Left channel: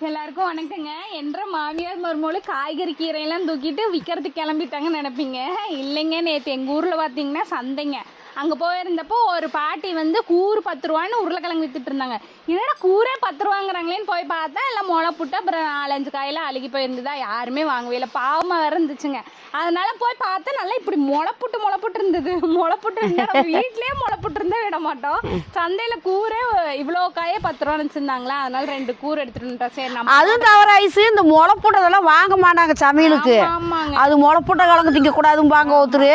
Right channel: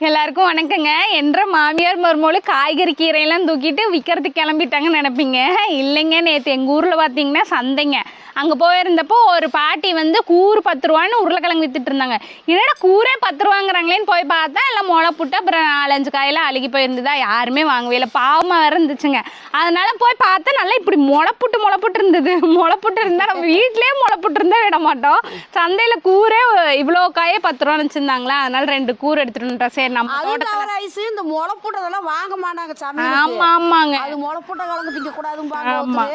எல்லாருக்கும் வணக்கங்க. என்ற மாமியார் மருமோளு காய்கறி கீரையெல்லாம் தூக்கிட்டு விற்கிறதுக்கு கிளம்பிட்டாங்கன்னு நினைப்பீங்க. இல்லைங்க நேற்று எங்கள் ஊரில் பார்த்தீங்கன்னா சந்தைங்க. அங்கே போயிருந்தப்போ ஒரு பாட்டி வந்து கூறு பத்து ரூபான்னு உருளைக்கிழங்கு வித்துட்டு இருந்தாங்க. என்னடா கூரே பத்து ரூபாங்கிறாங்களேன்னு போய் பார்த்தா எல்லாம் முளை புட்டு அப்புறம் நாலஞ்சு காயெல்லாம் அழுகி போயிருந்ததா யாருமே வாங்கவே இல்லை. பாவமாக இருந்துச்சுங்க. அதனால போய் பார்த்தா நல்லா இப்படி முளைப்புட்டு முளைப்புட்டு இருந்தது. முளைப்புட்டு இருந்தால் நம்ம வீட்லேயே முளைப்புட்டு இருந்தா விட மாட்டோம். சந்தையில் கூரே இவ்வளோ காயே பத்து ரூபா வச்சுருந்தாங்களா? அதனால ரெண்டு கூறு எடுத்துட்டு சரி நம்ம அது தவிர ஐஸ் இந்த முளை போட்டதெல்லாம் வாங்க மாட்டாங்க சமையலுக்கு. ஆமா, ஆமாங்க. அது முளை போட்ட கிழங்கு திங்க கூடாதும்பாங்க ஒருத்தர்.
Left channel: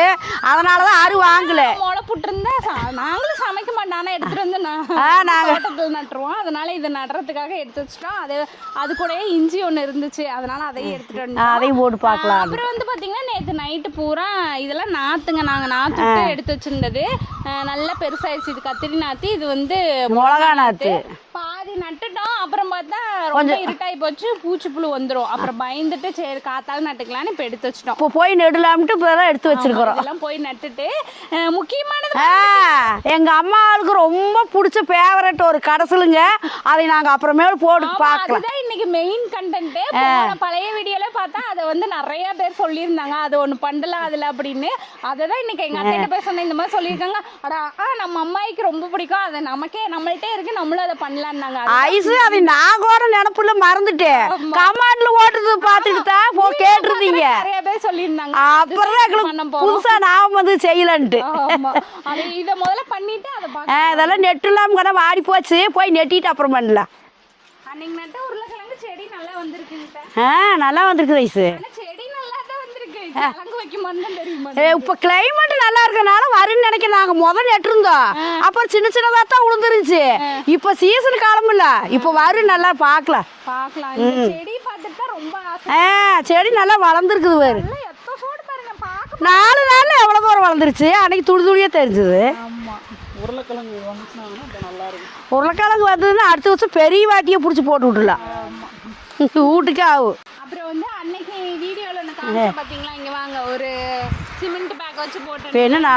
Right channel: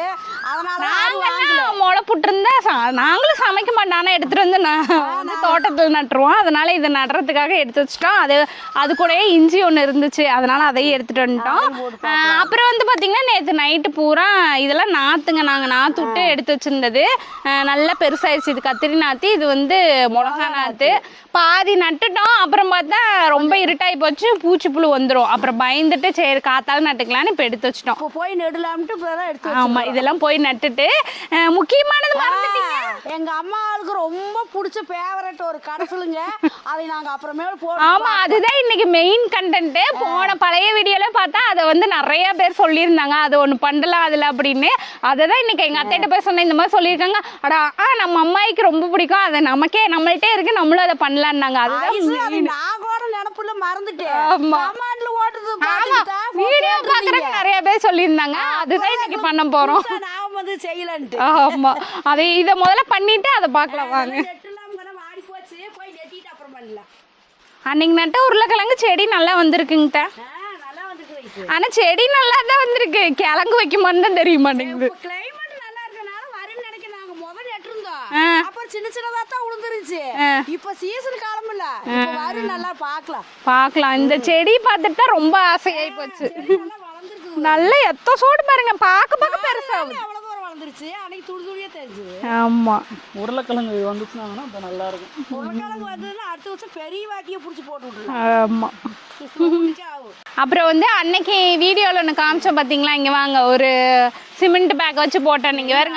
அதனாலதான் யாரும் வாங்கல. முளை புட்டிருந்தா ச- நாங்களும் சமைக்க மாட்டோம். எடுத்துட்டு வந்து நான் தோட்டத்தில் நட்டுருவோம். அதனால இதை நடுறதுக்காக எடுத்து வச்சுட்டோம். அது அது கூடயே இஞ்சி ஒன்று இருந்துச்சு. அதனால அதையும் எடுத்துட்டு வந்துட்டோம். அப்புறம் வந்து பாத்தீங்கன்னா நேற்று நைட்டு பூரா இதெல்லாம் நாத்துங்க. நாங்க நாத்து விட்டு எடுத்து வச்சிருந்தது. நல்லா பெருசாயிருச்சு. இது கத்திரி நாத்து இது வந்து மிளகா நாத்து. பாதி நட்டுட்டோம். அப்புறம் பார்த்தா ரொம்ப இருட்டாகி போச்சு பூச்சி புழு வந்துடும் அப்புறம் பயந்துட்டு சரி காத்தாலும் நட்டுக்கலாம்னு இப்போ எடுத்து வச்சிட்டோம். இப்போ போய் நெடலாம்ட்டு இப்பதான் எடுத்து வச்சிருக்கோம் இதெல்லாம் போய் நட்டுட்டு ஆ, எங்க அம்மாவுக்கு ரொம்ப பிடிச்ச ஃபேவரட் ஒரு கடைசலுங்க அதை நாங்க அப்புறமேல் போட்டு அதுதான் இன்னைக்கு மெயின் கண்டென்ட் போன பழைய வீடியோல பார்த்தா அதை வந்து நிறைய பேர் சொல்லியிருந்தாங்க. அது ஒண்ணு பண்ணலாம் அதுல அப்படின்னு. அதை தான் இன்னைக்கு எங்க அத்தைட்ட போய் சொன்னேன் இந்த மாதிரி சொல்லியிருக்காங்க. அடா ஆ நம்ம அம்மாய்க்கு ரொம்ப பிடிக்கும். அதை நமக்கே நம்மள்ட்டே இருக்கு. நம்மளும் அதை பண்ணலான்னாங்க. அது ஐஸ் அதை நான் கூட நினப்புல மறந்துட்டேன். கமாண்ட்ல ஓட்டுது பார்த்துட்டு தான் கேட்டுருந்தீங்க. நிறைய பேர் சொல்லியிருந்தாங்க. அதுதான் பண்ண போறோம். நான் வந்து செய்யலன்ட்டு. ஆமா. அதை இதை முதல்ல பண்ணிட்டு அதை ஆ, பார்க்கலாம் அதெல்லாம் நெட்டு இல்லாம கூட வாடி போச்சு. போய் நெட்டிட்டு அப்புறம் பண்ணலாம். அன்னைக்கு நட்ட உருளைக்கிழங்கு செடி நல்லா வந்திருக்குங்க ஆ நல்லா வந்திருக்கு ஐஸ் ஆனா செடி நல்லா தான் வந்திருக்கு. கிழங்கு வைக்குமான்னு தான் தெரிய ஏ, மாட்டேங்குது இப்ப கிளைமேட் நல்லா இருக்கனால வரும்னு நினைக்கிறேன். நாங்க முதல் நெட்டிருந்தோம் அப்புறம் சின்ன சின்னதா தான் விழுந்துருச்சு இப்ப சீசன் காலம் இல்ல. இப்ப வரும் நல்லா பாக்கலாம் பார்க்கலாம். இந்த செடி பார்த்துட்டு தான் ரொம்ப ஆசை செடி நல்லா வளர்ந்துருக்குது. நல்ல எத்த சோடு பாருங்க. பார்க்க பார்க்க- நாலு நாள்ல வளர்ந்துருச்சு அன்னைக்கு துளி துளியா தெரிஞ்சது. ஆமா. உருளைக்கிழங்கு வந்துச்சுன்னா நல்லா இருக்கும். உருளைக்கிழங்கு வந்ததுன்னா அடுத்த வருஷம் பெரிய வாட்டியை பிடிச்சி போட்டு விட்டுலாம் ஆமா. வீட்டுக்கு ஆகும் அப்புறம் வந்து அன்னைக்கு வீடியோல ஒன்று காமிச்சோம் பாத்தீங்களா? இங்க வாங்க ஒரு சிமெண்ட் பேக் வச்சு போட்டேன் எல்லாமே.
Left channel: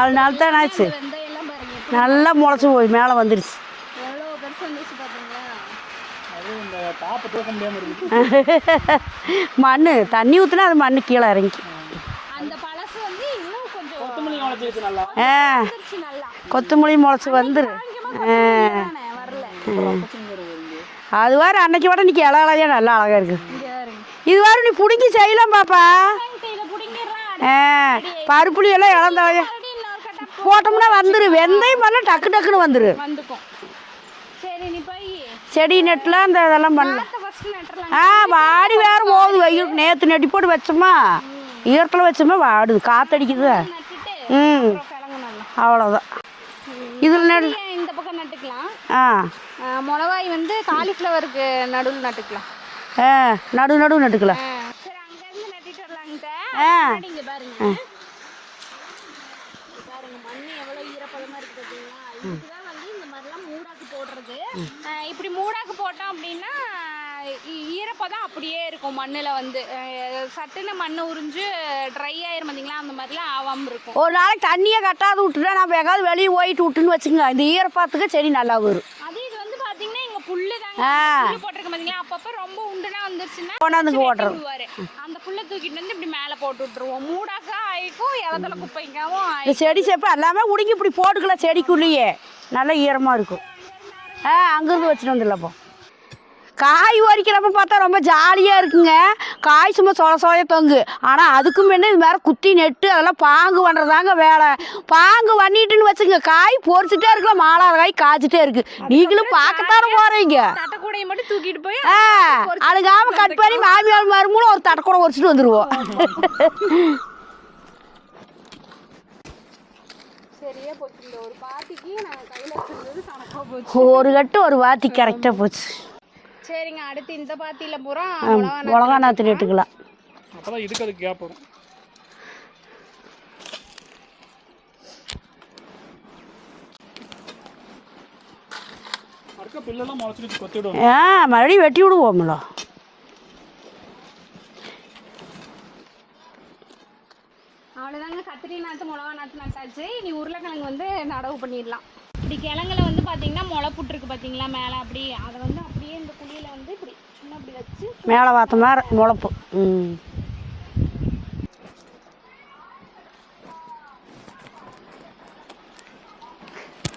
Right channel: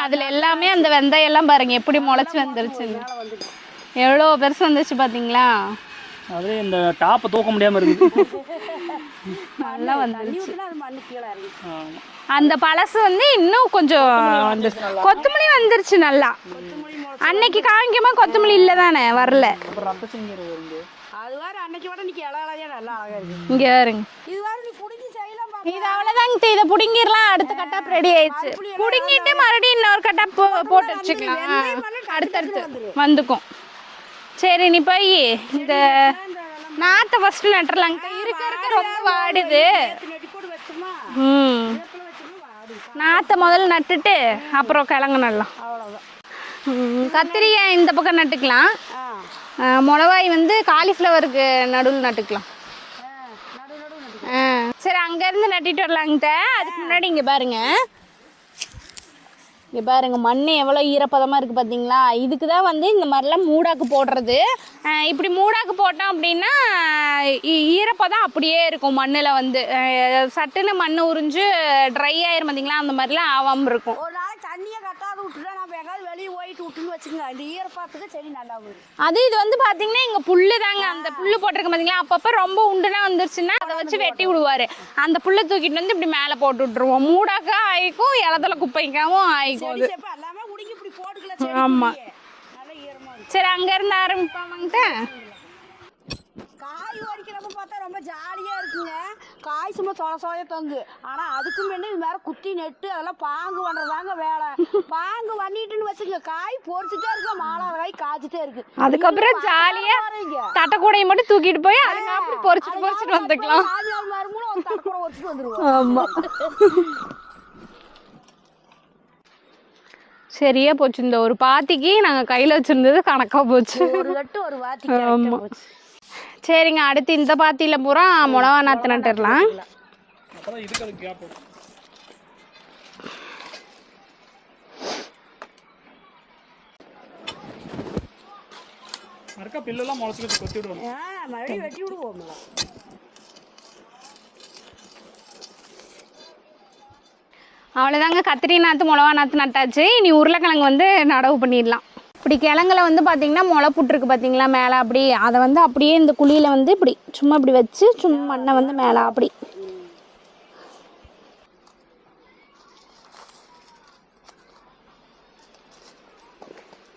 அந்த வெந்தயம் எல்லாம் பாருங்க எப்படி நல்லா முளைச்சு போய் மேலே வந்துருச்சு. வந்துருச்சு. எவ்வளவு பெருசு வந்துச்சு பாத்தீங்களா? அதே இந்த டாப்பை தூக்க முடியாம இருக்குது மண் தண்ணி ஊத்துனா அது மண்ணு கீழே இறங்கி அந்த பழசு வந்து இன்னும் கொஞ்சம் கொத்தமல்லி வந்துருச்சு நல்லா. கொத்தமல்லி முளைச்சு அன்னைக்கு காமிக்குமா கொத்தமல்லி இல்ல தானே வரல. அது வேற அன்னைக்கு விட இன்னைக்கு இலை இலையா? நல்லா அழகா இருக்கு. இங்க பாருங்க. இது வேற நீ பிடிங்கி செய்யலாம் பாப்பா. அதாங்க இதை புடிங்கிடலாம் அடுத்த. பருப்புளி எல்லாம் மறுபடியும் இன்னொரு கட்டா போட்டோம்னா போட்டு வந்துரு. வெந்தயம் எல்லாம் டக்கு டக்குன்னு வந்துரு வந்துக்கும். சரி நீ போய் செடி நெட்டுலாம் இந்த இதெல்லாம் பண்ணு. நாத்தை ஃபர்ஸ்ட் நட்டுறலாம். ஆ வாடி வேற போகுது ஐயோ, நேத்து நெட்டி போட்டு வச்சோமா? ம். ஈரத்துல வச்சோமா? வாடுது. நாத்தை காத்தடிக்குது முதல்ல நட்டுட்டு அப்புறம் கிழங்கு நடலாம். அவ்வளவுதான். இது கத்திரியை இந்த பக்கம் நட்டுக்கலாம். ஆ. மிளகாய் வந்து காலிஃப்ளவருக்கு நடுவில் நட்டுக்கலாம். நடு நடு நட்டுக்கலாம். சரி அங்க இருந்து நட்டிட்டு வரலாங்க முன்னாடி இங்க பாருங்க. இங்கே பாருங்க மண் எவ்வளோ ஈரப்பதமாக இருக்குது பார்த்தீங்களா இதுக்கு தான் வந்து இந்த மாதிரிலாம் மூடாக்கு போடுறது. இப்படி மூடாக்கு போட்டோம் அப்படின்னா ஈரப்பதம் அப்படியே இருக்கும் மண்ணுல வந்து. சட்டுன்னு மண் உறிஞ்சு ட்ரை ஆயிரும் பாத்தீங்களா? அந்த மாதிரிலாம் ஆகாம இருக்கும். ஒரு நாளைக்கு தண்ணியை கட்டாத விட்டுட்டா நம்ம எங்காவது வெளியே போயிட்டு விட்டுன்னு வச்சுங்க இந்த ஈரப்பதத்துக்கு செடி நல்லா வரும். அது இது வந்து பாத்தீங்கன்னா இங்க புல்லு தாங்க. அந்த புல்லு போட்டிருக்க பாத்தீங்களா? அப்பப்ப ரொம்ப உண்டுனா வந்துருச்சுன்னா வெட்டி விடுவாரு. அந்த புல்லை தூக்கிட்டு வந்து இப்படி மேல போட்டு விட்டுருவோம். மூடாக்கா ஆயிக்கும் இலதல குப்பைக்காவும் செடி செப்ப எல்லாமே உடுங்கி இப்படி போட்டுக்கலாம் செடிக்குள்ளேயே. நல்லா ஈரமா இருக்கும். சரி அங்க இருந்து ஆ ஆரம்பி அங்கிருந்து வச்சுட்டு வந்துடலாப்போ காய் பறிக்கிறப்ப பார்த்தா ரொம்ப ஜாலியாக இருக்குங்க. காய் சும்மா சொல சொலைய தொங்கு. ஆனால் அதுக்கும் முன்ன இது மாதிரி குத்தி நெட்டு அதெல்லாம் பாங்கு பண்ணுறதாங்க வேலை. பாங்கு பண்ணிட்டுன்னு வச்சுங்க காய் பொறிச்சிட்டே இருக்கலாம். மாலாத காய் காய்ச்சிட்டே இருக்கு. நீங்களும் பார்க்கத்தானே போகிறீங்க தட்டக்கூடையை மட்டும் தூக்கிட்டு போய் அதுக்காக கட் பண்ணி மாமியார் மருமூலம் ஒரு தட்டக்கூட உரிச்சிட்டு வந்துருவோம். சரியா போச்சு. இந்த ஒரு பாத்திக்கு நாங்க கையில வச்சிருந்தது கணக்கா போச்சு. ஒரு கட்டு ஒரு வாத்தி கரெக்டாக போச்சு. சரிங்க அடுத்து இந்த பாத்தியில பூரா மிளகா நாற்று ஆ மறுபடியும் வெட்டி விடுவோம்ல அவ்வளவுதாங்க கத்திரி நாத்து மிளகா நாத்து நட்டாச்சு. இனி உருளைக்கிழங்கு வந்து நடவு பண்ணிடலாம். இப்படி கிழங்குல வந்து பார்த்தீங்கன்னா முளை புட்டுருக்கு பார்த்தீங்களா மேலே அப்படி அதை வந்து அப்படியே இந்த குழியில் வந்து இப்படி சும்மா இப்படி வச்சு சும்மா மேலே அப்படி.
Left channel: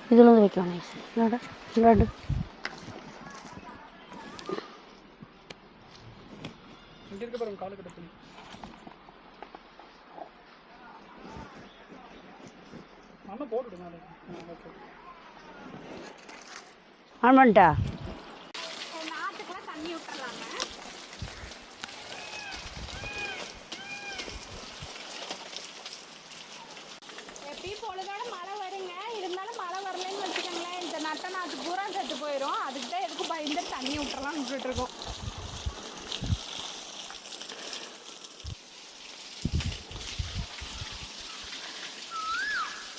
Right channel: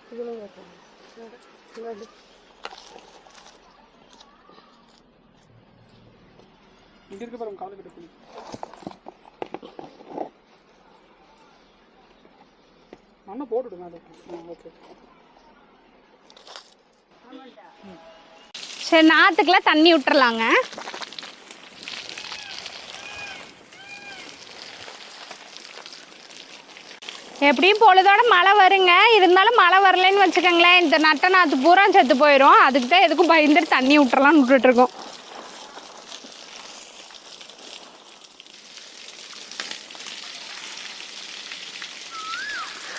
இதில் வந்து வைக்கலாம் அண்ணா போட்டுடுங்க அது ஆன் பண்ணிட்டா சரி நாற்றுக்கெல்லாம் தண்ணி விட்டுறலாங்க. எப்படியும் பொழுதோட மழை வருங்க. இருந்தாலும் மழை வரலைன்னு வச்சுக்கோங்களேன் இந்த நட்ட நாற்று பூரா செத்து போயிடும் அதுக்கு தான் எதுக்கும் பயந்துட்டு தண்ணி விட்டுறலாம்னு விட்டுட்ருக்கோம்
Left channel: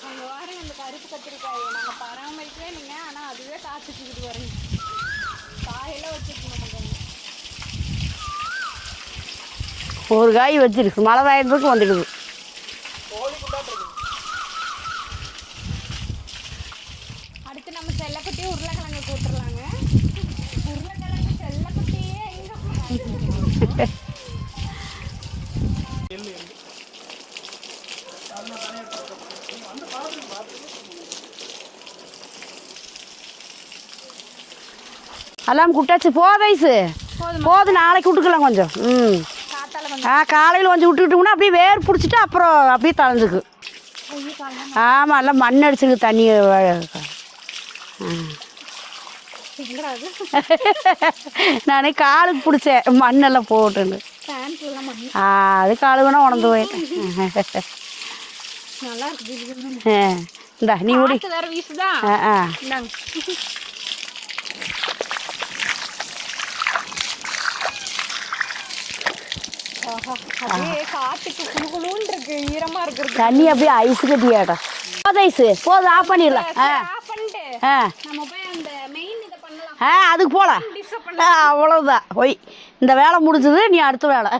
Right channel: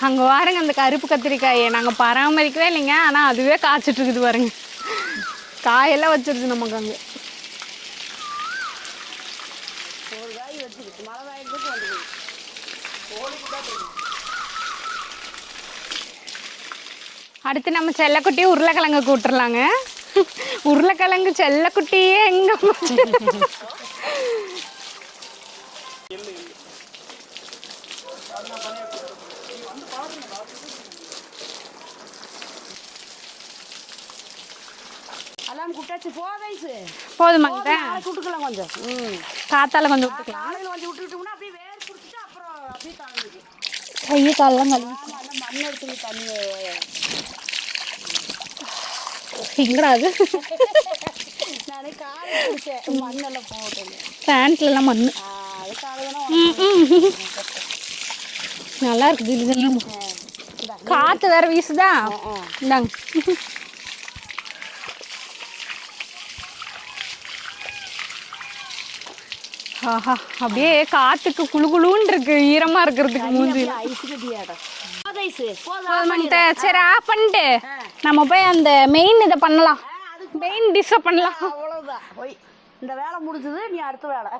அங்கே பாருங்க அந்த கருப்பு கத்திரிக்காயை. நாங்கள் பராமரிக்கவே இல்லைங்க ஆனால் அதுவே காய்ச்சிட்டு இருக்குது பாருங்க. காயெல்லாம் வச்சிருக்கு நமக்கு அங்கே. ஒரு காய் வச்சிருக்கு மழை காயறதுக்கு வந்துடுது. அடுத்து நம்ம செல்லக்குட்டி உருளைக்கிழங்கு கூட்டுறலாங்க. உருளைக்கிழங்கு செல்லக்குட்டியே எங்க எல்லாம் குட்டாச்சு போதைசு போதுமா போதும் நாளைக்கு விட்டுக்கலாம் கொஞ்சம். ம். காத்தால கொஞ்சம் ஆ காலையில் கொஞ்சம் விட்டுக்கிட்டோம்னா அப்படியே வேர் பிடிச்சிட்டு அப்புறம் அப்படியே தளர்ந்துக்கு ஆமாம் எல்லாம் மண் அடிச்சிருக்கு தண்ணி திங்கடாது நானே காலுக்கு பிடிச்சேன். மண்ணெல்லாம் போட்டுன்னு. பேண்ட்ல எல்லாம் மண்ணு. ஆ, அது காலுக்குனா உணர்ந்து போய். நல்லா இருக்குது. இந்தா நீ வேற வீசுதா? ஆ ஆ. இந்தாங்க. அப்படியே காத்துக்கு குளு குளுன்னு இருக்கு ஈரமா இருக்கிறது தண்ணி அப்படியே ஐஸ் கட்டியாடா. போதைசு போதும் ஆஃப் பண்ணிடலாம். சரி ஆஃப் பண்ணிட்டு நம்ம போய் அந்த மெயின் இதை பண்ணலாம். அதுக்கு போகலாம் டிஷ்ஷை பண்ணலாம். அவ்வளோதான் ஒய் இந்த வேலை முடிஞ்சது நீ அடுத்த வேலை.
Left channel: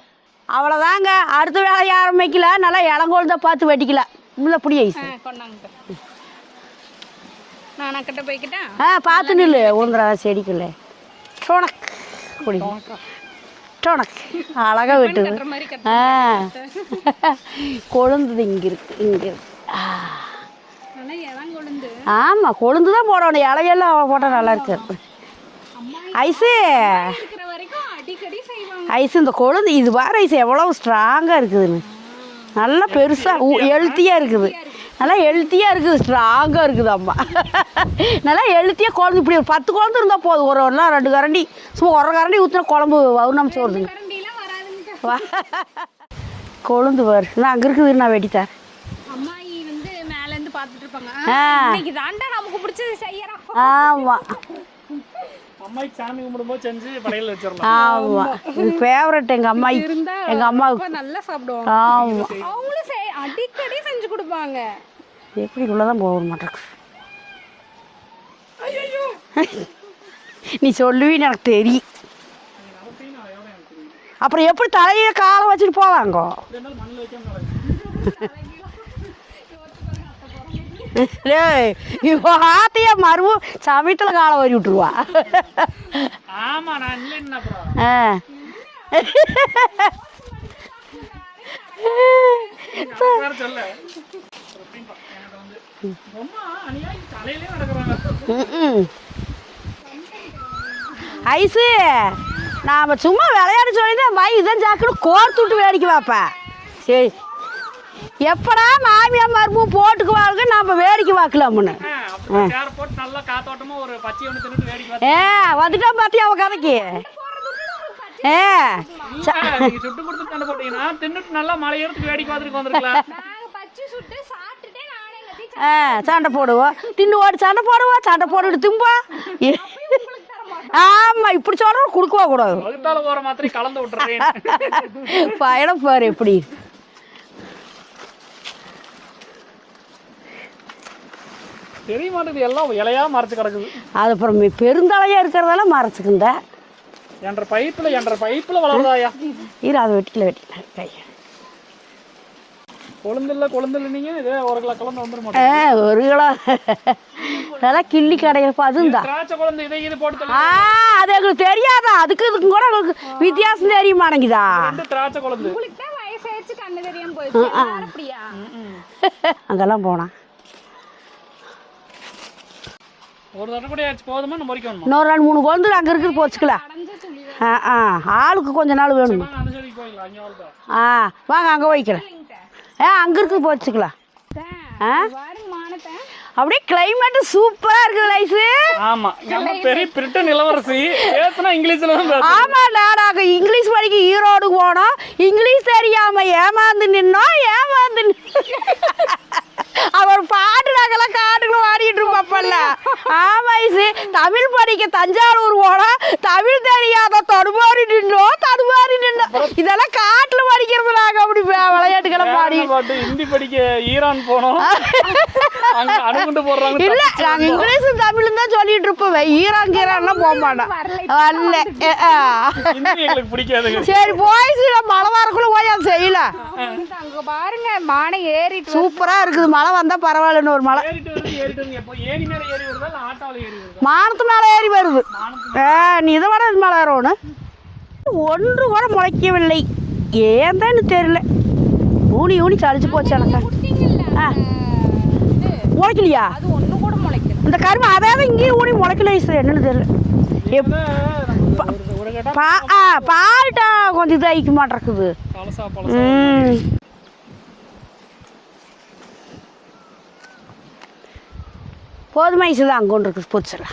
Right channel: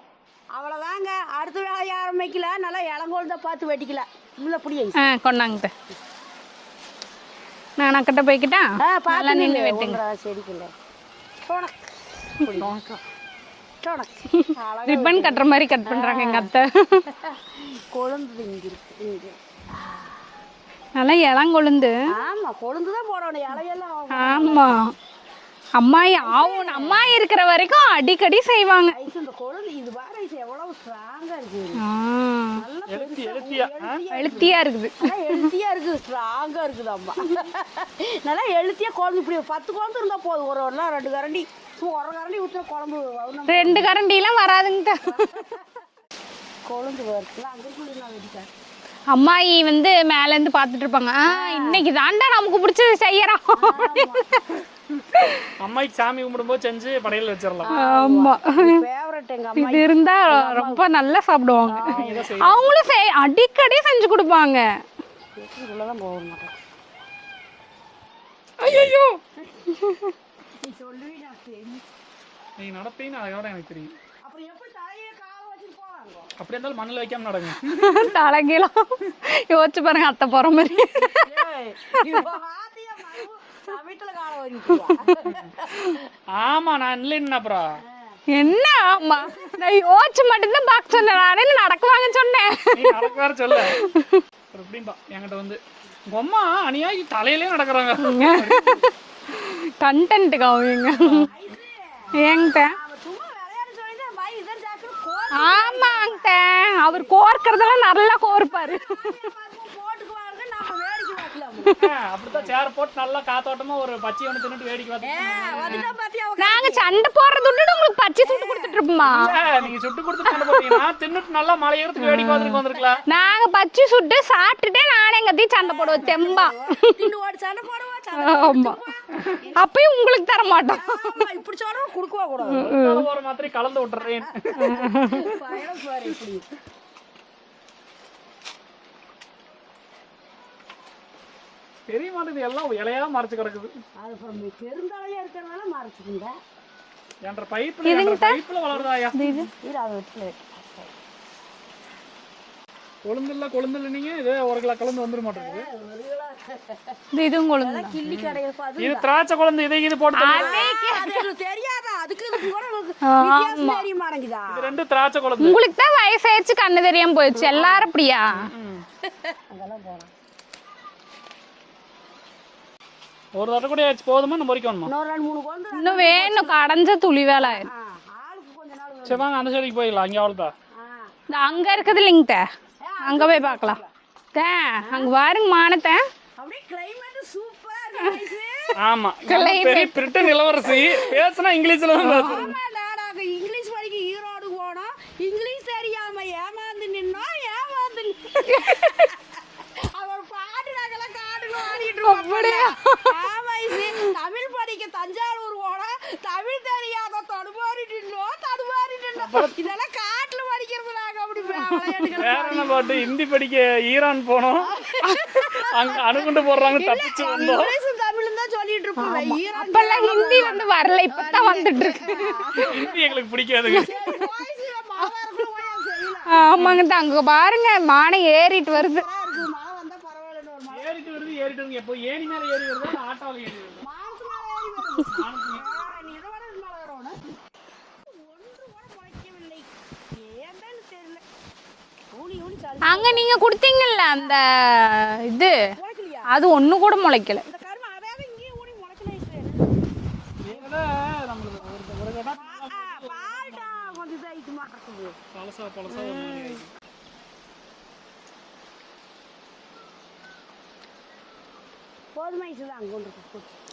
அவ்வளோதாங்க அடுத்த வேலை ஆரம்பிக்கல நல்லா இளங்கோல் தான் பார்த்து வெட்டிக்கல உள்ள புடி ஐஸ் கொண்டாங்கிட்ட நான் அக்கிட்ட போய்க்கிட்டா? ஆ பார்த்து நில்லு உங்கிற செடிக்குள்ள. டோனக் புடி டோனக் அழகா ரிப்பன் வெட்டு கட்டுற மாதிரி கட் பண்றாங்க எங்க அத்தை. கொழுந்தது இங்க இருக்கு இங்க இருக்கு. நல்லா இளம் கொழுந்து. ஆமா கொழுந்து தான் போடணும். இலையெல்லாம் போட்டா நல்லா இருக்கு அம்மா ஐஸு. இருக்கிற வரைக்கும் அடிக்கடி செய்வாங்க. ஐஸ் இந்த கொழுந்து இது வேற ஐஸ் எவ்வளவு ஸ்ட்ராங்கா இருக்குதுன்னு. நல்லா பெருசா ஹெல்த்தியா இருக்குது. நல்லா ஹெல்த்தியா இருக்குது. ஸ்ட்ராங்கா இருக்குது அம்மா. நல்லா ஹெல்த்தியா குழம்பு இப்படி ஒரு பத்து குழம்பு இருந்தா போதும். ஒரு ஒரு ரெண்டு கரண்டி. சும்மா ஒரு கரண்டி ஊத்துனா குழம்பு வவுனம் ரெண்டு கரண்டிலாம் வராதுங்க கொழுந்து வரு நான் அங்க இருக்குது நான் வெட்டித்தேன் அம்மாயி வந்து மேல இருந்து பாத்துட்டு இருப்பாங்க இன்னைக்கு தாண்டா நமக்கு பிடிச்சது செய்யறோம். அம்மாய்க்கு சாமி கும்பிடும்போது செஞ்சு ஆமா. ஃபேவரட் எங்க அம்மா. இருந்தா எங்க அம்மா ரொம்ப நல்லா சாப்பிடுவாங்க. அவங்களும் செய் அடிக்கடி செஞ்சு கொடுப்பாங்க. எப்படி உள்ளதான் போக மாட்டேன். ஐயோ நீ சொல்லுவீன்னு எனக்கு தெரியும். நீங்க நடப்பீங்க அதை விட எனக்கு தெரியும். அப்புறம் எப்படி தலையில காலை வச்சுட்டு போவாங்க அப்படி இருந்தாலும் மண்ணில் வைக்காம நடங்க. தலைகீழம் யோசிச்சு பாருங்க அத்தை போற மாதிரி. இவ ஆத்தைய மருவு சமயத்துல காலை வரி விட்டுருவா. ஆமா நான் இல்லைன்னு அப்புறம். என்ன யோசிச்சு மட்டும்தான் பார்க்க சொன்னேன். நானே நடக்குவான்னு சொன்னேன்? சொல்ல என்கிட்ட வந்து அம்மா அநியாயி தலையிலே நடக்கிறாங்க. கண்டென்ட்டுக்கு அவங்க. ஐசு நாம சும்மா விளையாட சொல்லிதான் மை இதான் ஜாக்குன்னு கோர்த்து வேடிக்கை வைப்பேன் அவங்க கோர்க்கறதெல்லாம் நல்லா எப்படா மாமியார் மருமு போட்டுக்குவாங்க நாம வேடிக்கை பார்க்கலாம்னு. அப்புறம் சேர போட்டு நல்லா காத்தோட்டமா ஒரு பச்சை ஒன்று தின்னுட்டு வேடிக்கை வர- ஏ வந்துட்டா அவ கடைக்கு? சண்டை போடுறது விட்டுட்டு உங்களுக்கு பச்சை. இருப்போமா? நீங்க சுட்டு கொடுத்து கொண்டு போறீங்க நான் தின்னுட்டு நல்லா மலை எடுத்து வேடிக்கை வந்துருக்கு வந்துருக்கலாம் நாங்க பச்சை சுட்டு சாப்பிட்டுட்டே நானே எங்கத்தையும் சண்டை போடுவோம். சண்டை போடுவோம். தின்னு ஓடி சண்டை போடுவோம். சண்டை போட்டு தும்பா அப்பயும் உங்களுக்கு தர மாட்டோம். ஆமா இப்படி சொல்றோம் கொடுக்கவா கூடாது. ரெண்டாவது போற மாத்திரை கலந்து விட்டுறேன். பயணம் பாரு எப்படி. தெரிய மாட்டேங்குது எல்லாம் இலையா மறைச்சு கிடக்குது. அது அப்புறம் பெருந்தலையா இருக்கிறதெல்லாம் மறைச்சுக்குந்த. என்ற பைப்புல என்ற பைப்புல வளர்ந்தாயா இரு அதை வெட்டிக்கல வெட்டிக்கல. கை. நீங்க? இதே ஒரு கிலோ கலந்து ஒரு கிலோ. இதுவும் கிள்ளி கடையில் அதுதான் திராட்சை குழந்தை இதை இது போட்டு ஆ, அது எங்களுக்கு தெரியாதா? அதுக்கு இதுக்கும் கூட வித்தியாசம் தெரிய மாட்டேங்குதா? திராட்சை குழந்தை. உங்களுக்கு தான் வயசாயிருச்சு கண்ணு தெரியாம போயிடுச்சு. எல்லாரும் அப்படியா? அங்கெல்லாம் போனா. ஒரு தடவை கூட ஆச்சு போதுமா? நம்ம வரைக்கும் இன்னொரு ரெண்டு மூணு குழந்தை அங்கே இருக்கு வேணும் போச்சுக்கலாம் கடைஞ்ச துளி வேலை. ஆளுக்கு கொஞ்ச நாள் வேணும். வாங்க அந்த சைடுக்கு போயிடலாம். அங்கே அவ்வளோதான் ஆ வாங்க அங்கே அங்க வைக்கலாம் இருக்குது இல்லைங்க ஆ அங்கே இருக்கு போச்சுக்கலாம் பாருங்க மானத்தை. அப்படியே கிளைமேட் சூப்பரா இருக்கு ஆமா. நம்ம பெரிய பிரிட்டன் இளவரசி பேசுனா இங்கிலீஷ்ல தான் பேசணும் ஆமாடா நாங்க இங்கிலீஷ் படிக்க ஈரோடு போனோம். இங்கிலீஷ் தெரியாம ஏமாந்து நின்னோம் ஏமாந்து அவர் பாட்டு நாங்கெல்லாம் காட்டுக்குள்ள ஆடிட்டு இருப்போம்ல ஆமா ஐசு. தமிழ் படிக்க தஞ்சாவூர் போனோம் தமிழ் தெரியாத தடுமாறி நின்னோம் தடுமாறி நின்னோம் இதெல்லாம் காட்டுல படிக்கிறது நாங்க அப்படி விளையாட்டுகளை பாடி. பாட்டு? ஹிந்தி படிக்க ஈரான் போனோம். அங்க அணுகுண்டு போடுறாங்க இல்ல நாங்க வந்தோம். இங்கிலீஷ் தமிழ் தான் சொல்லிட்டு இருப்போம். ஈரான் கீரான்லாம் போக மாட்டோம் வரல. ஆ. எங்களுக்கு பிடிக்காதுங்க. சரி போய் மழை வரக்குள்ள போய் அதை செய்யல ஆமாங்க அங்க பாருங்க மானை ஏறிட்டு. சூப்பரா இருக்குது மழை வந்தா பரவாயில்லன்னு ஒரு மழை. ஏறிட்டு வருது ஏறிட்டு வருது. எப்போ ஏணி மேல ஏறி வருதா இல்ல ஆட்டோல ஏறி வருதா? மானத்து மேலே ஏறி வருது. ஆ, நீ இதை விட இது மேலே வரணும் ஒன்று கூட முளைக்கவில்லை. ஏன் தான் தெரியல. ஊனி ஊனி சளிச்சு அங்க போச்சு. நீங்க குடுத்தீங்கல்ல அந்த இது? முளைக்கலையா? அது ஒண்ணு கூட முளைக்கல. இந்த கரும்பு அதாவது இங்கேயும் ஊனி முளைக்கல என்னன்னு தெரியல. பால்ட்டா கொஞ்சம் இதாகிக்க பழசா. ம். ஐசு தான் அங்கே ஒன்று இருக்குது போச்சுல.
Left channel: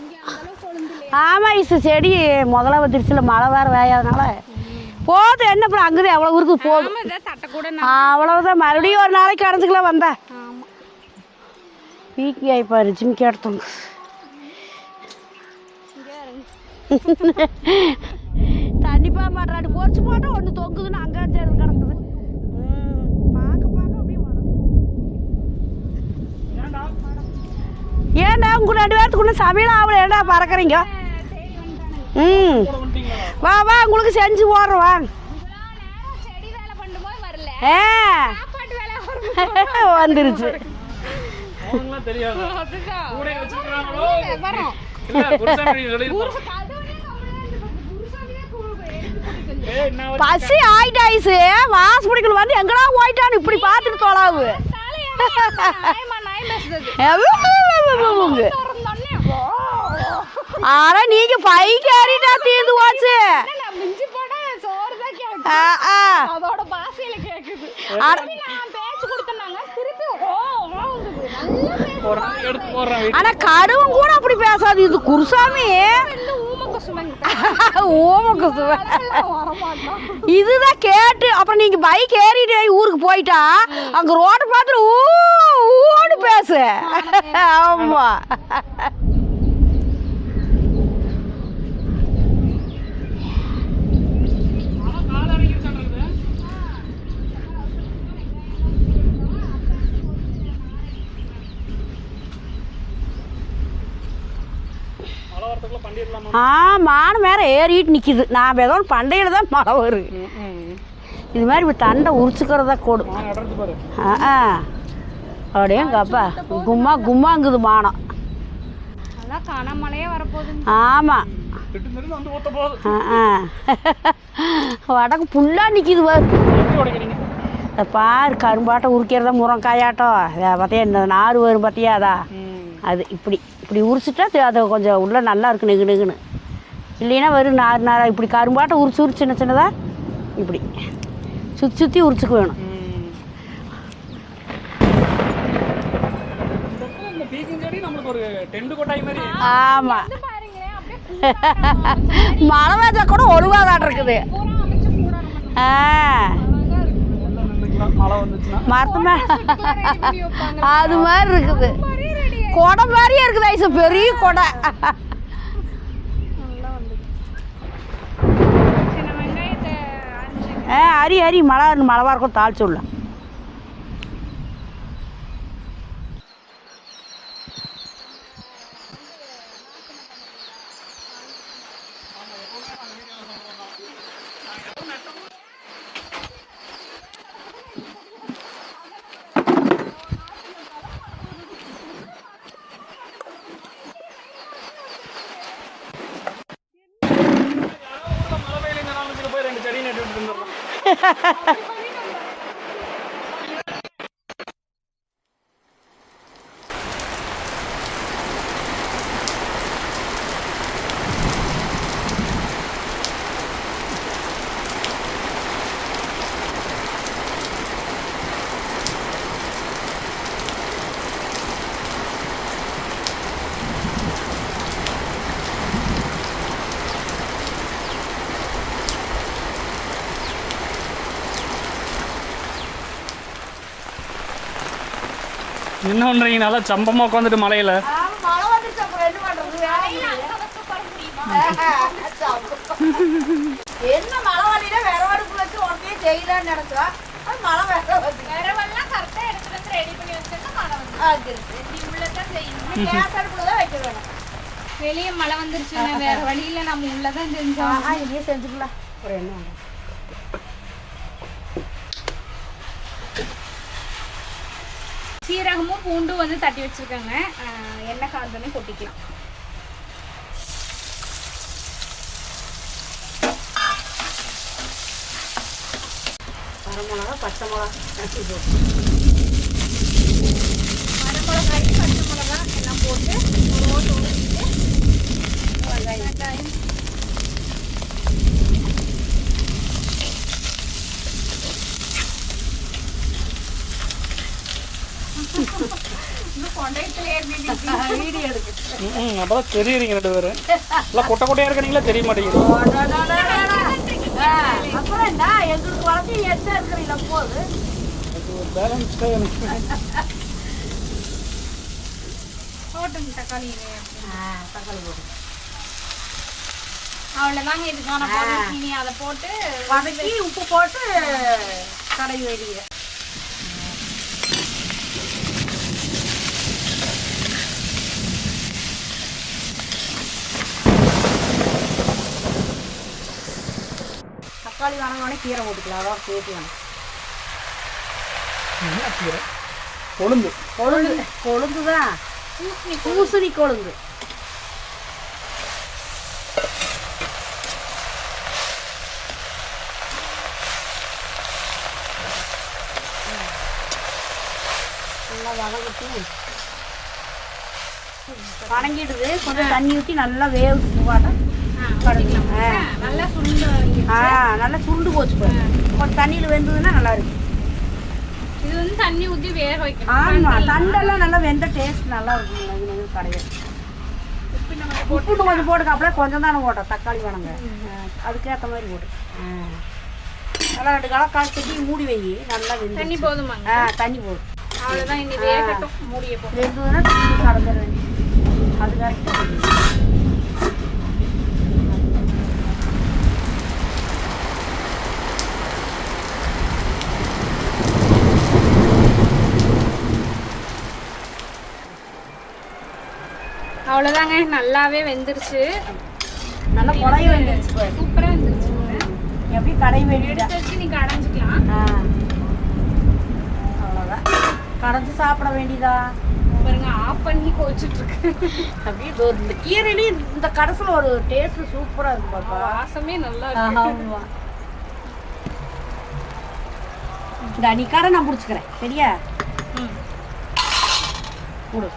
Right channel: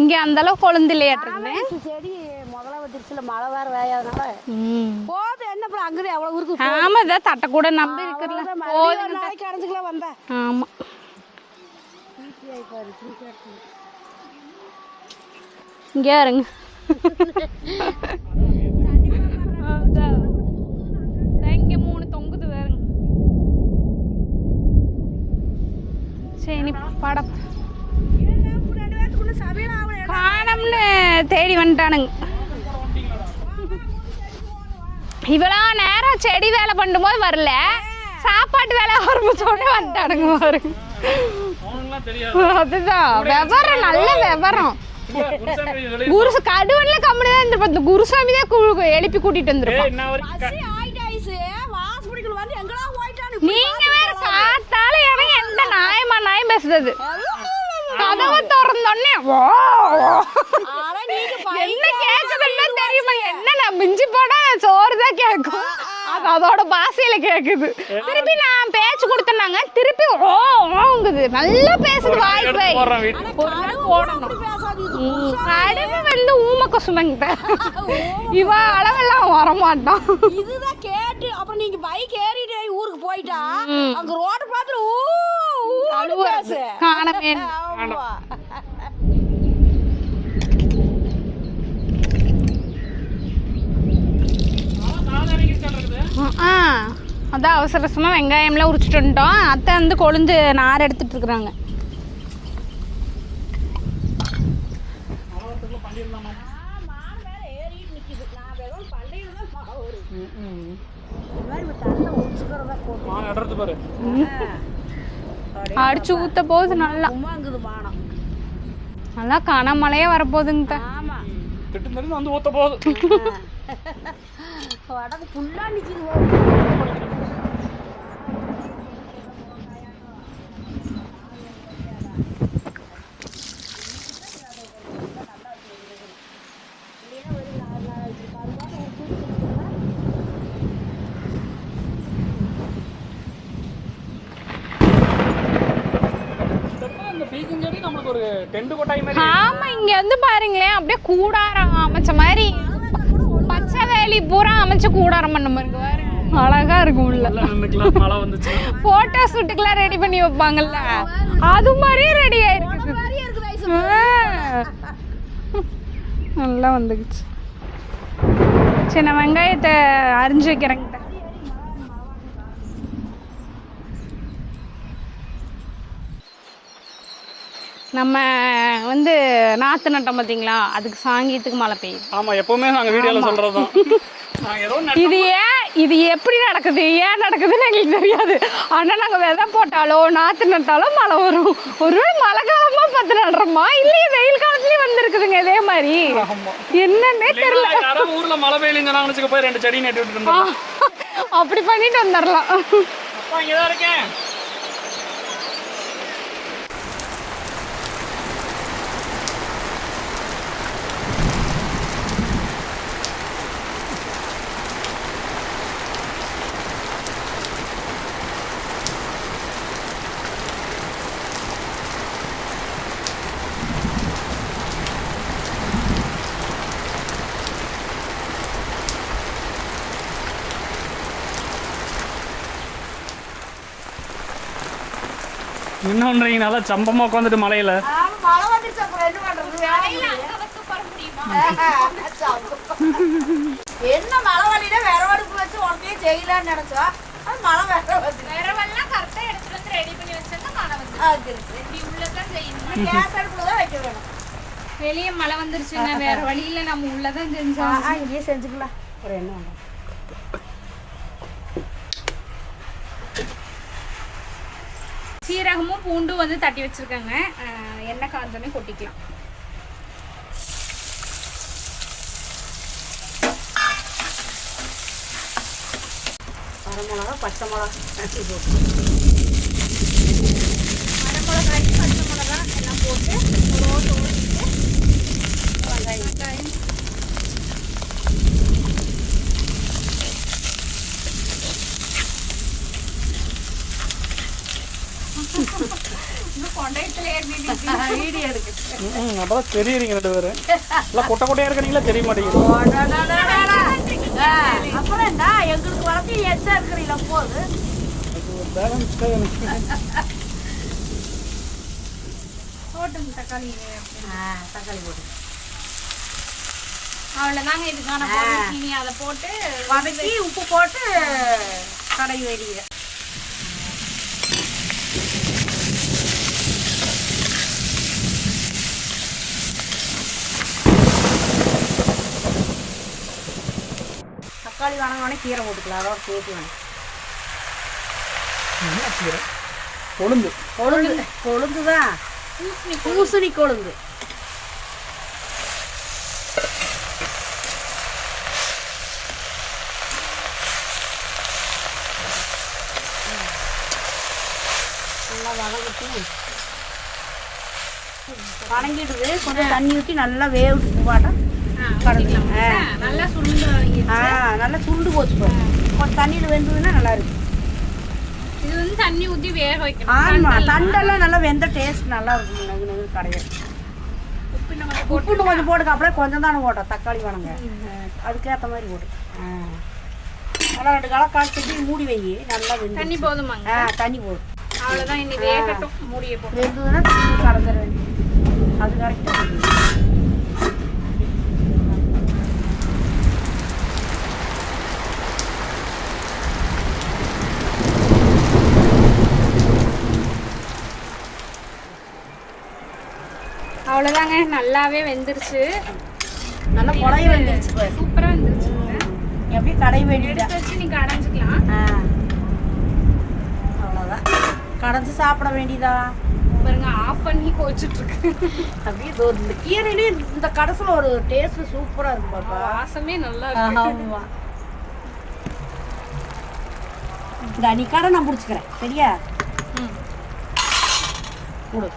இங்க அந்த அளவு கொழுந்து இல்லையா ஆமா ஐசு செடி முதல்ல வந்துருச்சுல மழை வேற வேயாதனால போதும் என்ன அப்புறம் அங்கே எவ்வளோ இருக்குது ஆமா இதை தட்டை கூட நம்ம அவ்வளவுதான். மறுபடியும் ஒரு நாளைக்கு அடைஞ்சுக்கலாம் வந்தேன். ஆமா. வீக்கி ஆயிப்பாரு ஜிம்கி எடுத்தோம் இங்க இருங்க கண்டிப்பா பண்றாரு போச்சு போட்டு ஒன்று தொங்குதுன்னு அங்கே இங்க மூணு தொங்குது வேற பார்க்க பார்க்க அப்படியே வளருது. சரி நீ படம் ஏன்டா உங்க ரெண்டு பேர்த்துக்குள்ள சமையல் ஆகல? ஏன்டா மறக்கறீங்க? தேடி வந்துட்டானுங்க. ம். வா வா உங்களுக்கு செஞ்சு போடுறோம் வா. இவ்வளோ நேரம் செடி வேலை பண்ணும்போது வரல. ஆ, சாப்பாட்டு வேலை தெரியாது அதுதான். விவரம் நல்ல விவரம். குருசு கடுவன்ல கம்முனு தான் இருந்திருப்பா. குருசாமி தான் எழுப்பி கூட்டிட்டு வரைக்கும் பசி ஆயிட்டு ஐசு வாசப்படிக்கல வந்து எங்கடா போயிட்டான்னு இப்படி பார்த்துட்டு எந்த நாயமா நாயம் பேசுறது? திறந்தோடனே. ஆனா நீங்க பைக்கு ஏறிட்டா தீர்ந்து போச்சு நான் மிஞ்சி போனா சோறு தான் கேட்கும். அதோட பாசையில கேக்குது. திருப்பி நான் பேச்சு கொடுத்தனாங்க திருப்பி ஓ ஓங்குது நல்லா பேசுது வாய் போய். போடுறான் வீட்டுக்கு. ஆனா கடுவும் கூட அப்படி பேசாது. இது குருசாமி வந்து ஊம கொசுமங்க இவ அளவெல்லாம் வரமாட்டான் இதுதான் கேட்டு. அப்புறம் நீங்க பைக் ஏறிட்டு ஊருக்கு போயிட்டா அங்க ரோடு பார்த்து ஊ ஊன்னு பேசு. ஆமா நாளான்னைக்கு இருக்காங்க வருது. ஆ அதான் அவசர அவசரமா வெங்காயம்லாம் உரிச்சிட்டு வந்துட்டோம். அத்தை வந்து கொழுந்து நார் எடுத்துட்டு இருக்கிறாங்க ஆ மானம் வேற ஏறிட்டு நிக்குது. நான் ஏதோ பண்டையில தான் மழை வருது இது மாதிரி இப்ப தண்டை உரிச்சுக்கிறதா கொடு. நான் நடறது பாரு. ஆ. அப்படியே கும்மா. கும்மாங்குது மானம். நல்லா கனமழையே வரப்போகுதுங்க. ஆமா. வடக்கு புல்லா நிக்குது பாரு. இத பாரு கரும்பாட்டம் உரிக்கிறதா முருங்காயாட்டம் பார்த்தியா இந்த நார் வரும் பார்த்தியா அதா? அது இப்படி இப்படி உரிச்சிட்டா அது- கொஞ்சம் உள்ள நல்லா இருக்கு நெகு நெகுன்னு. இல்லைன்னா வெறும் நார் நாரா இப்படி கரும்பாட்டம் உரிச்சு உரிச்சு சின்ன சின்னதா? இப்படி. சுற்றி சுற்றி உரிச்சுக்க வேணும். இந்த மழை கூட பூரா அமைச்சு கூடாரம் பண்ணுமா? அழகா இருக்கும். மழை ரெடி பண்ணி வைப்பாங்க அது மாதிரி இருக்குது. அது மாதிரியே ரெடி மாதிரியே இருக்குது பெரிய நல்லா வந்துக்குச்சு சின்ன வெங்காயத்தை அரிஞ்சு வைக்கிறேன். அரி அரி. மழை மழை வரக்கும் தாளிச்சு விடலாம். நம்ம வந்து நாத்து நட்டோம் பார்த்தீங்களா? அதுக்கு சாங்கியத்துக்கு மழை பெய்யுது. ஆமா எப்பவுமே நாங்க வீடியோல சொல்றதுதான். நான் ஏதோ நட்டு- இது ஏன் இது எப்படி நடக்குது? ஏன் நடக்குதுன்னு எங்களுக்கு தெரியாது. ஆனால் நாங்கள் விதை போட்டாலோ நாற்று நட்டாலோ மழை வரும். ஒருவேளை மழை காலமாக பார்த்து நடுறோமா? இல்லையே வெயில் காலத்துலேயும் வந்திருக்குதுங்க இதே மாதிரி. என்னன்னே தெரியல. ஊர்ல மழை பெய்யலன்னு போய் ரெண்டு செடி நட்டு அப்படி பண்ணிட்டு வந்துடலாம். என்ன பண்றீங்க நல்லா சம்பமா உட்காந்துட்டு மலையில. மழை என்ன பண்றது? என்ன மழை வண்டியில வேற அடுப்பு வச்சு உடனே செய்யலாம்னு நினைச்சோம் அது மழை வேற வந்து. கேஸ் அடுப்புல தான் வைக்க வேணும். வெளியே மழை வந்துருச்சுன்னா வேற வழியில நம்ம உள்ளதான் செஞ்சோம். இதையே செஞ்சுக்கலாம். அப்புறம் என்ன? சீரகமும் பூண்டும் வந்து தட்டி வச்சிருக்கேங்க. எண்ணெய் காந்தோடனே கொட்டிக்கலாம். வர மிளகா பச்சை மிளகா. நட்டி போட்டு வரமிளகாய் பச்சை மிளகா எல்லாம் போட்டு ஒரு ஓட்டு ஊற்றிட்டு வெங்காயம் இன்னும் கொண்டையத்துல ஏறிட்டு வீடியோ எடுக்கு ம் அப்பதான் தெரியுறீங்க ரெண்டு பேரும் எல்லாம் கொட்டை கொட்டையா இருக்கீங்களா தெரிய மாட்டேங்குது அப்புறம் என்ன எங்களுக்கு வளர்த்து எந்த இருக்கிறீங்களா போகுது பேலன்ஸ் போட்டும் தக்காளி தக்காளி போட்டு அவ்வளோதாங்க இதுக்கான பொருள். இனி அதை போட்டு வதக்கி உப்பு போட்டு கடையை வெளியே. தக்காளி வாங்கினோடனே கீரை போட்டுக்கலாம். அதான் சேர்த்து வேணும் கொழுந்து கொழுந்து. கொழுந்து. தான் பூசணி கொழுந்து. நல்லா வதங்கட்டும் வணங்கிடுது. கொஞ்சம் தண்ணி ஊற்றி நல்லா வேவிட்டு போட்டா நல்லா சுருண்டு ஆ நல்லா சுருண்டு போச்சு கொஞ்சம் தண்ணியில் வெந்ததுன்னா நல்லா இருக்கு. இது வந்து தண்ணி ஊற்றி வேக வைக்கணும். ஆமா தண்டெல்லாம். நல்லா வெந்த டேஸ்ட் நல்லா இருக்கும். நகு கடையில். உப்பு இன்னும் கொஞ்சம் தானே போட்டோம். தக்காளி வணங்க. அதுக்கேற்ற மாதிரி போட்டு. நல்லா ரெண்டு காலம் காய்ச்சி மூடி வை. நல்லா வெந்து தண்ணி போதுமாங்க. ஆ தண்ணி போடு அவ்வளோதான் இனி வேகட்டும். மூடிய போ வெந்ததுன்னா கலந்துட வேண்டியது அது கரெக்டாக அவ்வளோதாங்க நல்லாவே வெந்துருச்சு. நல்லா குழைய வெந்துருச்சு பாரு. சூப்பராக வெந்துருச்சு எப்படி கடை எடுத்து வச்சு நீ கடைஞ்சிக்கலாம் ஆ. அவ்வளோதான் கடைஞ்சி சாப்பிட வேண்டியதா? பாருங்க ஆஃப் பண்ணி கோச்சிட்டு இருக்கு அப்படியே இந்த கீரையிலே இந்த கடைசியில் ஒரு டேஸ்ட் சூப்பராக இருக்கும் பாப்பா. வாசமே நல்லா இருக்கு. ஆமா. இந்த கடை நான் பிடிச்சிக்கிறேன் சரியா? ம். கொடு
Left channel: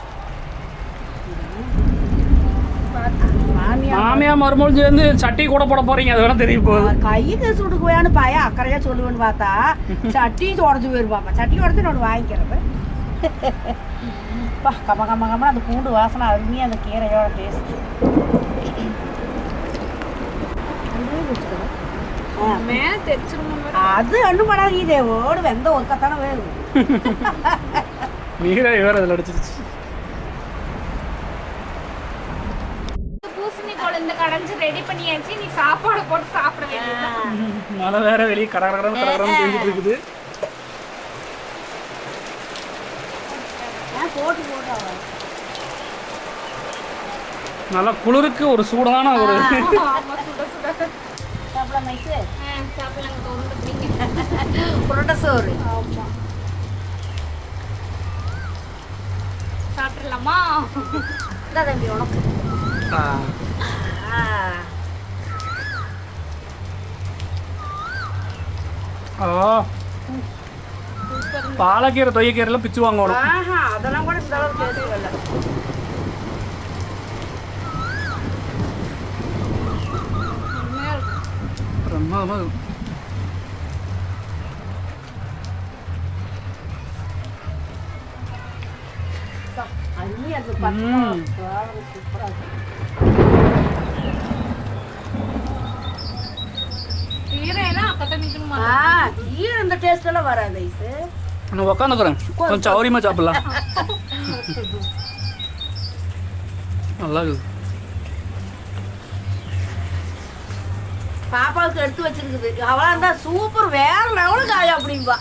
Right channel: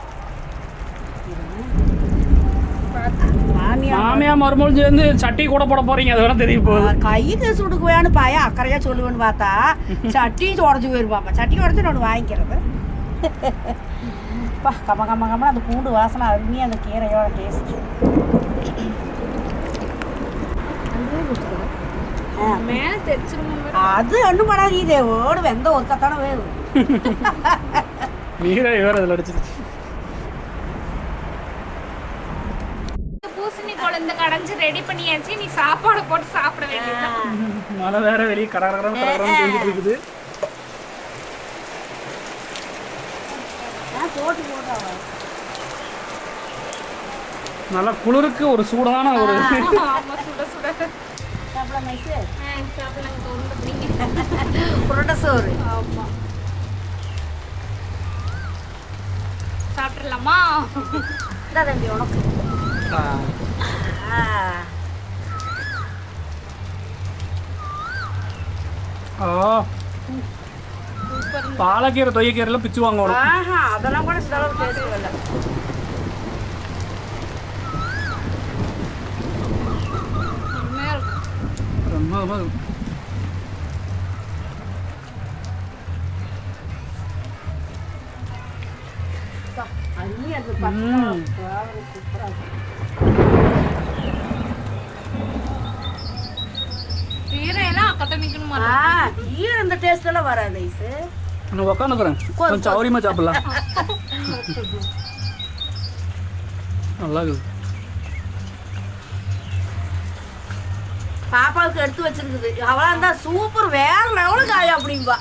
மாமியா மருமகள் சேர்ந்து சட்டி கூட போட போறீங்க அது வேணா தெரிய போகுது கை தேசு விடுக்குவான்னு பாயா அக்கறையா சொல்லுவேன்னு பார்த்தா சட்டி உடஞ்சி போயிருப்பாப்பா. சட்டி உடஞ்சி நான் வாங்கிக்கிறது. பா கம்ம கம்ம கம்ம அந்த பூண்டு வாசனை அருமையாக அந்த கீரையோட டேஸ்ட் அது அண்ணு படாது இதே ஓடு வெந்த ஒருக்கத்தானே வேணும். நீரே வேற இதில் அடிச்சிருச்சு. குழந்தை கடைஞ்சு ரெடி பண்ணியாச்சு. நீ சாப்பாடு போட்டு சாப்பிட வேண்டியது மழை வேற வெளியே கடகடன்னு கடகடன்னு பெஞ்சிட்டு இருக்குது. போட்டு போட்டு நல்லா குளிருக்கு ஒரு சூடான ஒரு புரோட்டா சோறு. சாப்பிட்றலாமா இந்தா தம்பி உனக்கு. ஆ. ஆ பாலக்கீரை தொய்யக்கீரைலாம் பிச்சு வாங்கணும் ஆஹா அதெல்லாம் கூட இந்த அளவுக்கு கீரை இந்த டேஸ்ட் எல்லாம் வராது ஐசு. நான் உட்காந்துக்கிறேன் கொஞ்சம் சௌரியமா சாப்பிடலாம். நல்லா இருக்குது. பாப்பாவுக்கு எடுத்து வச்சிருக்குது. அவளா இருந்தா சூப்பர் வேற லெவலு காயா அப்படிம்பா.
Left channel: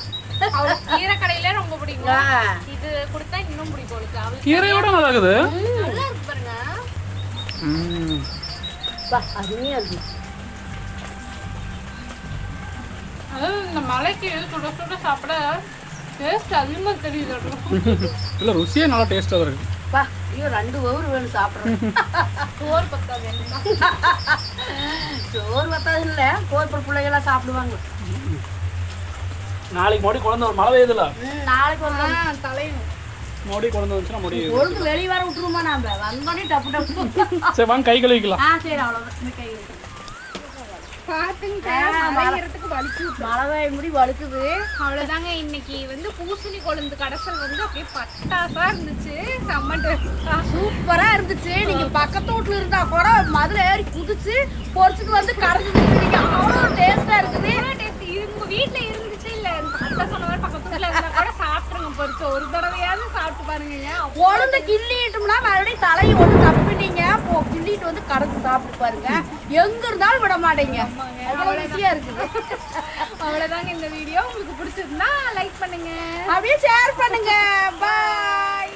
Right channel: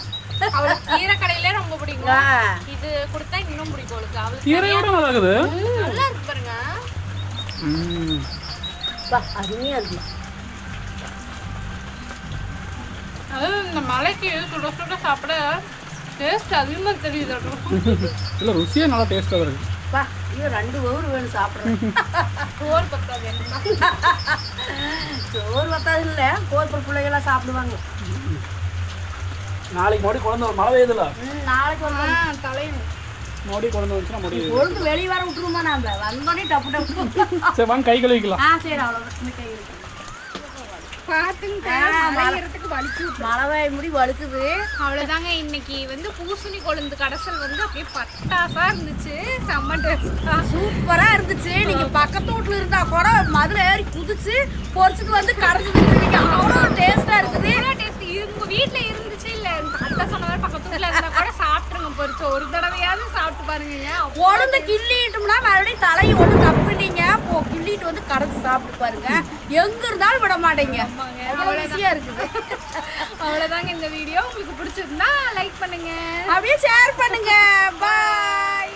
கீரை கடையில ரொம்ப பிடிக்கும். இது கொடுத்தா இன்னும் பிடிக்கும் அவளுக்கு. அவளுக்கு கீரையோட நல்லா இருக்குது. நல்லா இருக்கு பாருங்க. ம். பா அருமையா இருக்கு. அதாவது இந்த மலைக்கு சுட சுட சாப்பிட டேஸ்ட் அதிகமாக தெரியுது இல்ல ருசியே நல்லா டேஸ்ட்டாக இருக்கு. பா ஐயோ ரெண்டு ஒவ்வொரு வேணும் சாப்பிட்றேன் சோறு பத்தாது சோறு பத்தாது இல்லை கோப்பர் பிள்ளைகளாம் சாப்பிடுவாங்க. நாளைக்கு மறுபடியும் குழந்தை ஒரு மழை பெய்யுதுல? நாளைக்கு வந்து தலையும் மறுபடியும் குழந்தை வந்துச்சுன்னா மறுபடியும் பொழுது வெளியே வர விட்டுருமா நாம? வந்தோடனே டப்பு டப்பு. சரி வாங்க கை கழுவிக்கலாம். ஆ சரி அவ்வளோதான் இந்த கை இருக்கு பார்த்துங்க ஆ, மலைங்கிறதுக்கு வலிச்சு மழை பெய்ய முடி வழுக்குது. அவ்வளோதாங்க இன்னைக்கு வந்து பூசணி கொழுந்து கடைசல் வந்து அப்படியே பட்டாசா இருந்துச்சு. செம்ம சூப்பரா இருந்துச்சு. நீங்க பக்கத்து வீட்டுல இருந்தா கூட மதுல ஏறி குதிச்சு பொரிச்சுட்டு வந்து கரைச்சிட்டு இருக்கீங்க அவ்வளவு டேஸ்டா இருக்குது. இவங்க வீட்ல இருந்துச்சு இல்ல. அத்தை சொன்ன மாதிரி பக்கத்து வீட்ல இருந்தா கூட பொரிச்சு ஒரு தடவையாவது சாப்பிட்டு பாருங்க உளுந்து கிள்ளிட்டோம்னா மறுபடியும் தலையை ஒண்ணு தப்புனீங்க போ கிள்ளிட்டு வந்து கரைச்சு சாப்பிட்டு பாருங்க. எங்க இருந்தாலும் விட மாட்டீங்க. அவ்வளவு ருசியா இருக்குது. அவ்வளவுதாங்க இந்த வீடியோ. உங்களுக்கு பிடிச்சிருந்தா லைக் பண்ணுங்க. அப்படியே ஷேர் பண்ணுங்க. பாய்